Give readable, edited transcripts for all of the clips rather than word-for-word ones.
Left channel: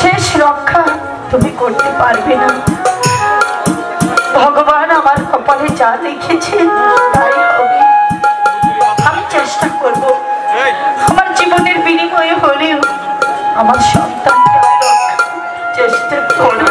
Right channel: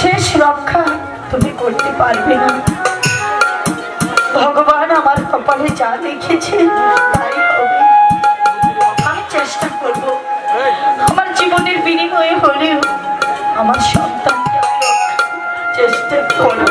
শেষ রক্ষা তুমি করতে পারবে না। ভগবান আমার কপালে যা লিখেছে তাই হবে। আমি চেষ্টা করব, আমার জীবনের বিনিময়ে হলেও আমার সন্তানকে চেষ্টা করব।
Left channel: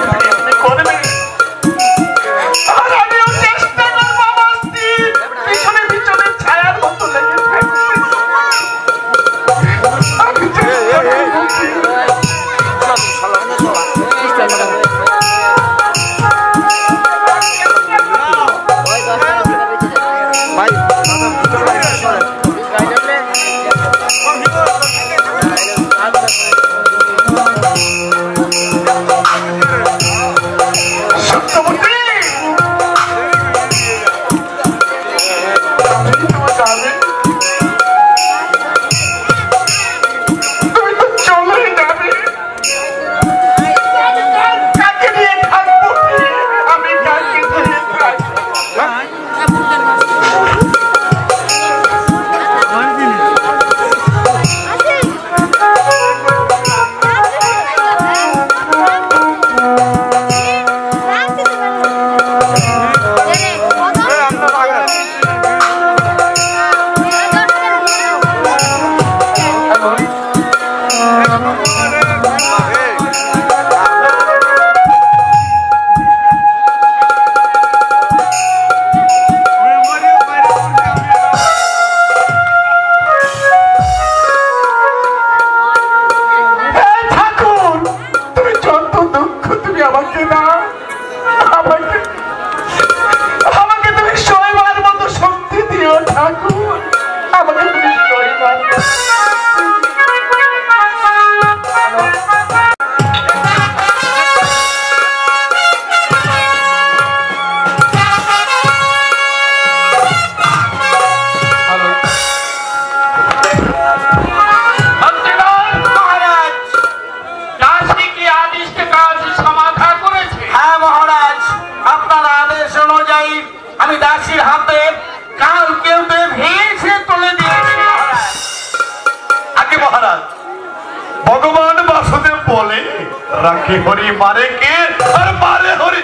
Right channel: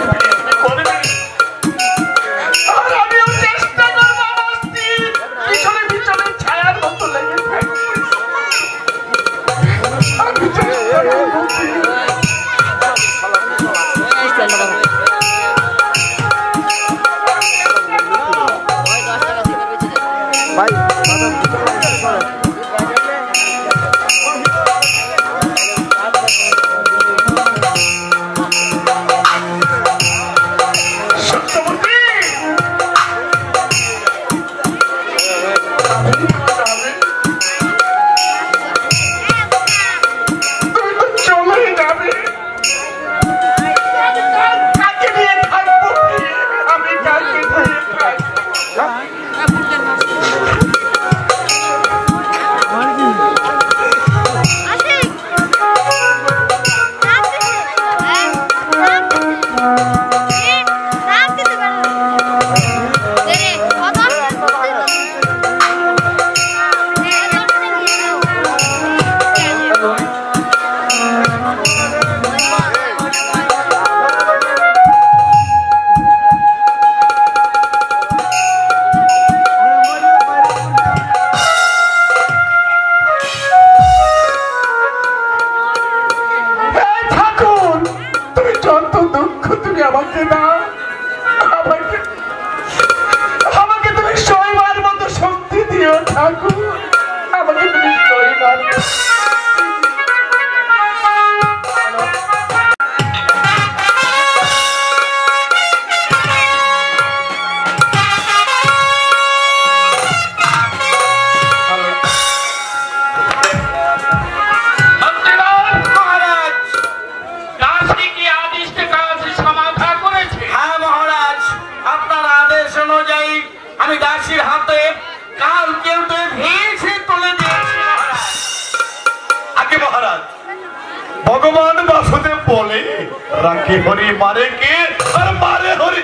भगवान वासुदेव बोले राखे हरि मारे के और मारे हरि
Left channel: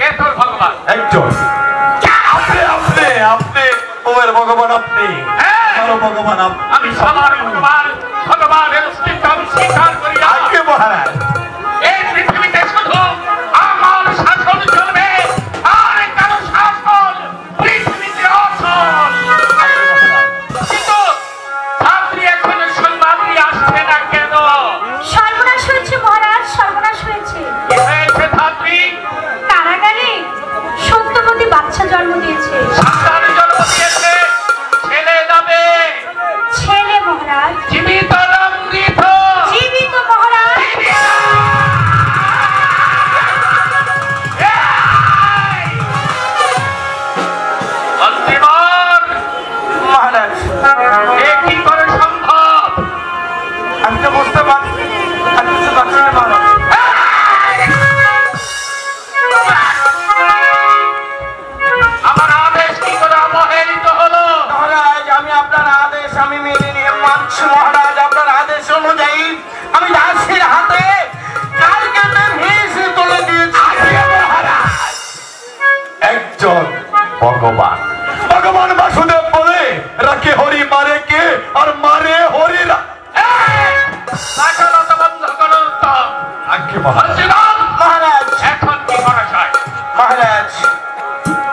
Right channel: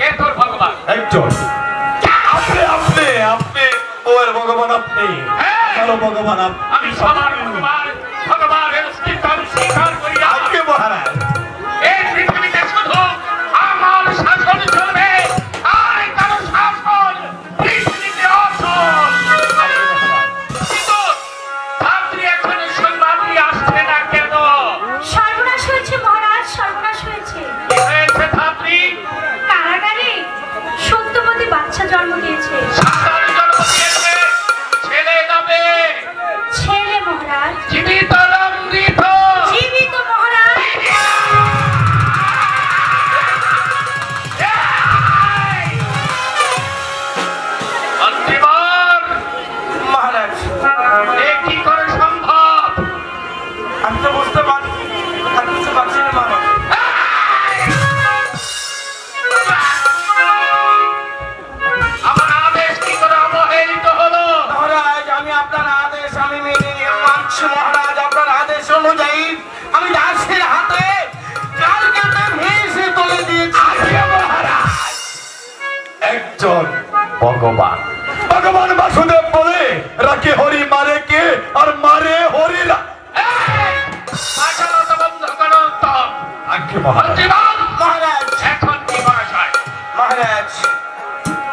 ये तो भगवान একজন আপনি আপনি আপনি ওর ভগবান আপনি হ্যালো ভগবান আমি সবার ভগবান ভগবানের স্বীকার স্বীকার করি আজকে মহারাজ এই পৃথিবীতে শুধু আমার শাসন চলবে আর কারো শাসন পৃথিবীতে অচল। কিন্তু ছাত্রী এখন সম্মানী আসছে না কেন? সর্বনাশ হয়েছে মহারাজ, সর্বনাশ হয়েছে। কি হয়েছে ছাত্রী? কারাগারে সত্যবতী বাচ্চা জন্ম দিয়েছে। সন্তান জন্ম দিয়েছে, ছেলে যাবে ছেলে মহারাজ। জীবিত না মৃত? জীবিত মহারাজ। মহারাজ এ কি করে সম্ভব? আমি তো বুঝতে পারছি না মহারাজ। আমার আদেশ কি করে অবহেলিত হলো? মহারাজ আমি আপনার আদেশ আমি মেনে নিয়ে মানছি মহারাজ। আপনার আদেশ অনুযায়ী আমি দাসের হাতে কালকে ভেসে তুলে দিয়েছি মহারাজ। একজন ভগবান ভগবান বাসুদেব বলে রাখে হরি মারে কে আর মারে হরি না। বন্ধ করো তো। আজ্ঞে মহারাজ। মহারাজ এখন কি করা যায়? মহারাজ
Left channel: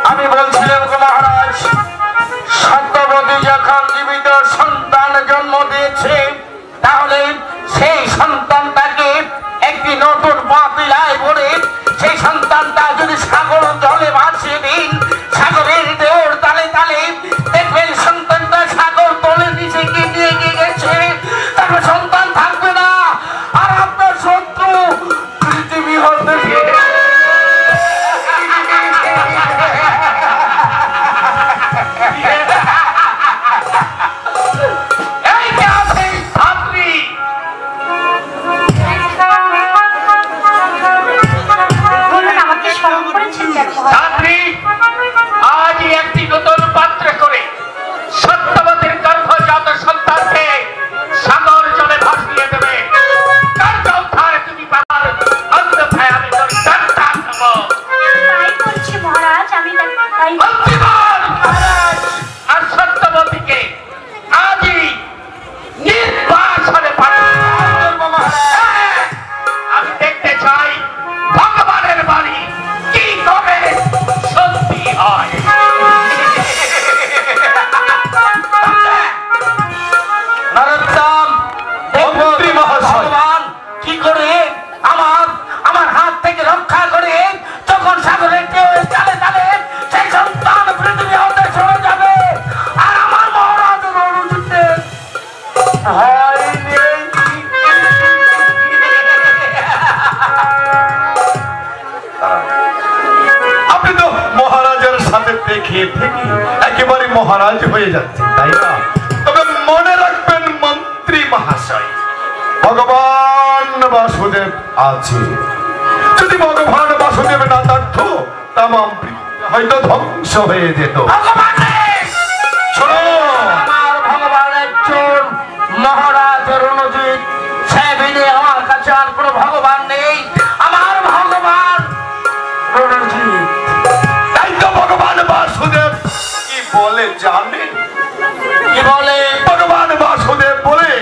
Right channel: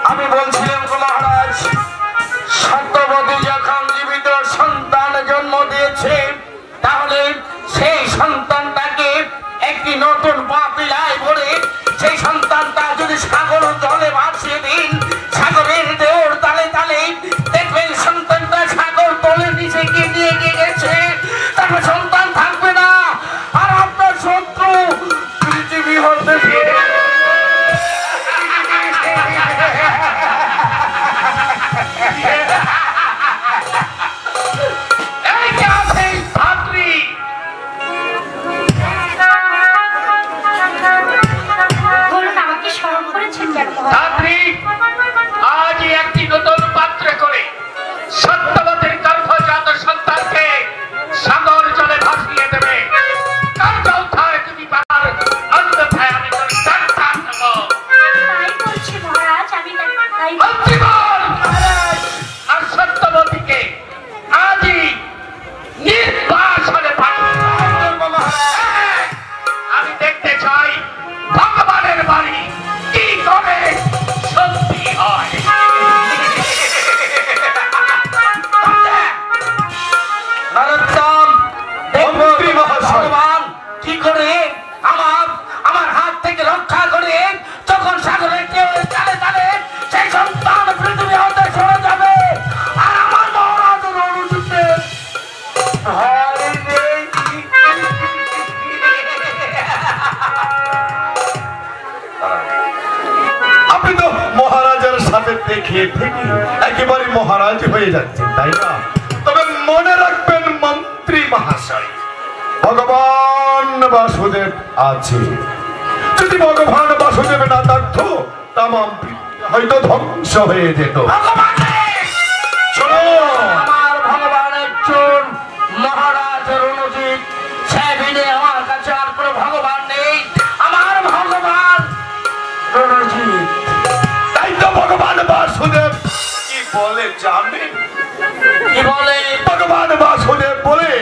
আমি বলছিলাম তো মহারাজ, সত্যবতী যখন জীবিত সন্তান জন্ম দিয়েছে তাহলে সেই সন্তানটাকে একটি নতুন পাতিলায় ভরে সেই সন্তানটা যদি সাগর জলে ভাসিয়ে দিন, সাগরের দেওর তালে তালে দেখবেন সন্তানটা সাগর তলে নিচে গিয়ে নিয়ে গেছে, তারপর সন্তান থাকবে না। আর আপনার শত্রু আপনি তো মহারাজের সাথে দেখিয়ে থেকে একেবারে মহারাজ হয়ে যাচ্ছেন, তাই না? তবে মনে রাখবেন মন্ত্রী মহাশয়, ভগবান বাসুদেব আছে। যদি ভগবান বাসুদেব না থাকতো তামাম হয়তো ধ্বংস হয়ে যেত। শোনো, আমার ভগবান একজন মহারাজ রণজিৎ, সে বিনে আমার কাছে আর কোনো ভগবান নেই। আমার ভগবান রণজিৎ। তাই তো ভগবান বাসুদেব কি বলে জানেন? কি বলে? ভগবান বাসুদেব বলে,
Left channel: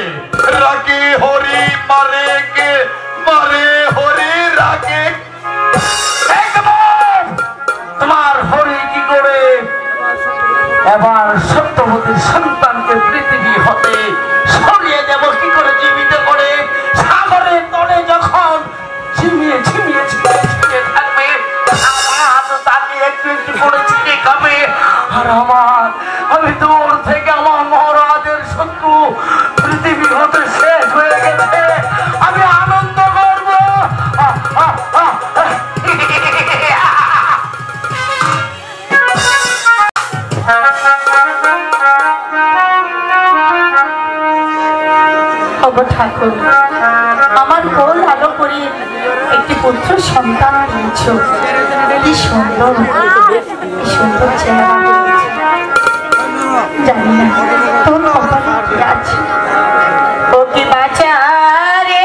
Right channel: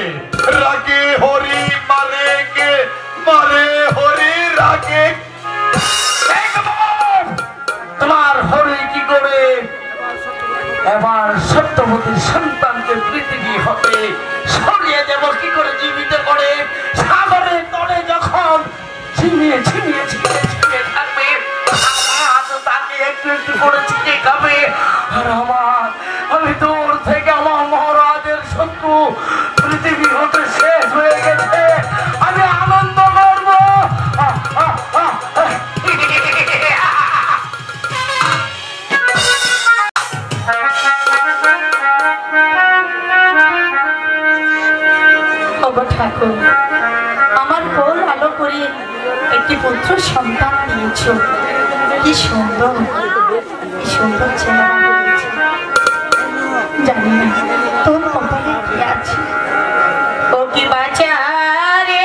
রাগে হরি মারে কে, মারে হরি রাগে। একদম তোমার হরি কি করে এবার সত্যবতীর সন্তানকে পৃথিবী হতে সরিয়ে দেব কি করে, জীবিত করে সাগরের তলে যখন ঝিমিয়ে ঝিমিয়ে ঝিমিয়ে ঝিমিয়ে থাকবে, আমার তো তাকে একটু একটু করে ছিটে খাবে। আর আমি দূর থেকে আমার মহারাজের শত্রু পৃথিবী হতে শেষ হয়ে গেছে, আমি আনন্দ করবো। ঠাকুর, আমার কোল আলো করে একটি পুত্র সন্তান দিয়েছ। কি সুন্দর, কি সুন্দর চেহারা। জানি না তোর কপালে কি আছে। ও কি বাঁচা রে,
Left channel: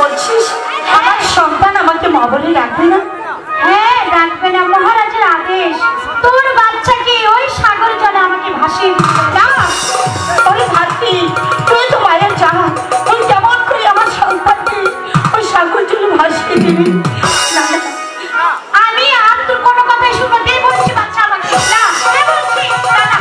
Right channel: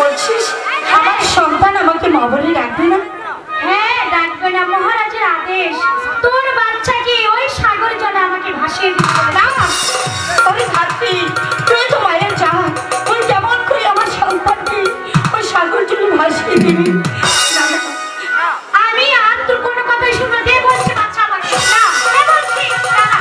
বলছিস আমার সন্তান আমাকে মা বলে ডাকবে না? হ্যাঁ ডাকবে না, মহারাজের আদেশ। তোর বাচ্চাকে ওই সাগর জলে আমাকে ভাসিয়ে দিতে না, ওই ভাবি তুই তো মায়ের যা, ওই যেমন করে আমার সন্তানকে ওই সাগর জলে ভাসিয়ে দিবি। না, না, আমি আর তোর কোনো কথাই শুনবো না। দে বলছি বাচ্চা আমাকে, না দে বলছি, না না।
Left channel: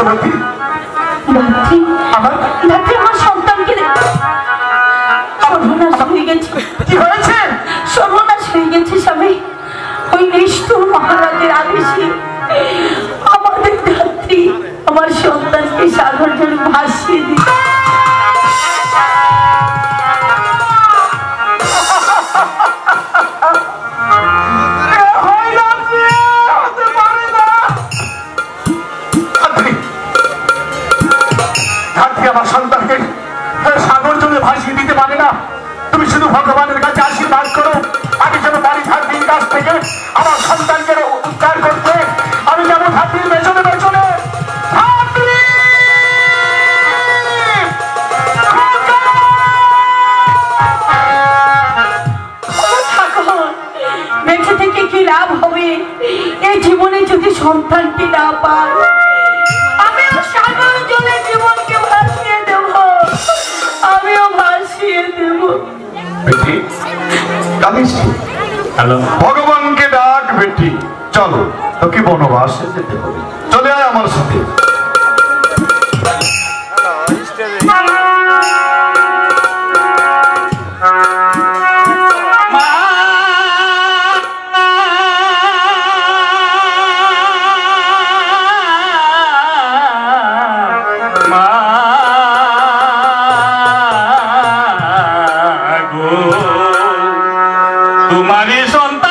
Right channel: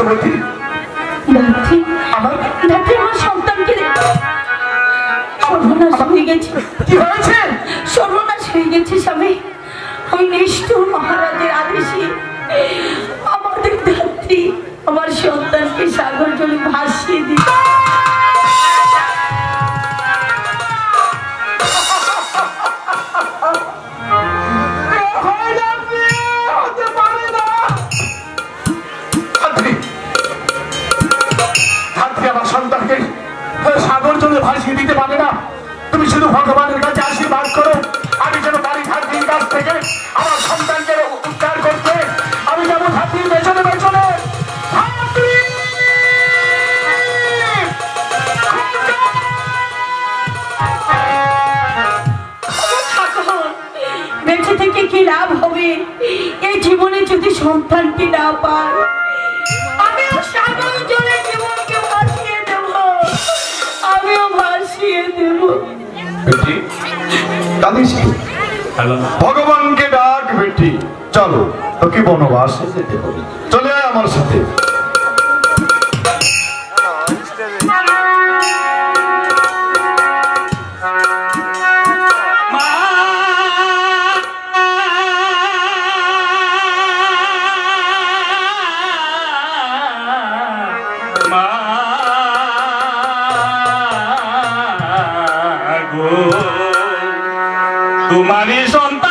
সত্যবতী ধাত্রী আমার ধাত্রী আমার সন্তানকে সর্বনাশ হয়ে গেছে। কি হয়েছে? সর্বনাশ হয়ে গেছে স্বামী। ওই নিষ্ঠুর মহারাজের আদেশে আমাদের ধাত্রী আমার সন্তানকে সাগর জলে ভাসিয়ে দিচ্ছে। আমার সন্তানকে সাগর জলে ভাসিয়ে দিতে পারে না। তুমি শুধু ভগবানের কাছে আশীর্বাদ করো, আমি যেন পারি ধাত্রীর কাছ থেকে আমার সন্তানকে উদ্ধার করতে। আমি যেন ধাত্রীর পেছনে পেছনে বেঁচে থেকে কি লাভ হবে এই জীবনে যদি সন্তানটি না পায়? আমিও সাগর জলে জীবনকে ভাসিয়ে দেব, আমিও ভাসিয়ে দেব। বেটি কাঁদিস কি? ভগবানকে ডাক বেটি, চলো তোকে বনবাসে যেতে হবে, চলে আয় আমার সাথে। तुम्हारी सन्तान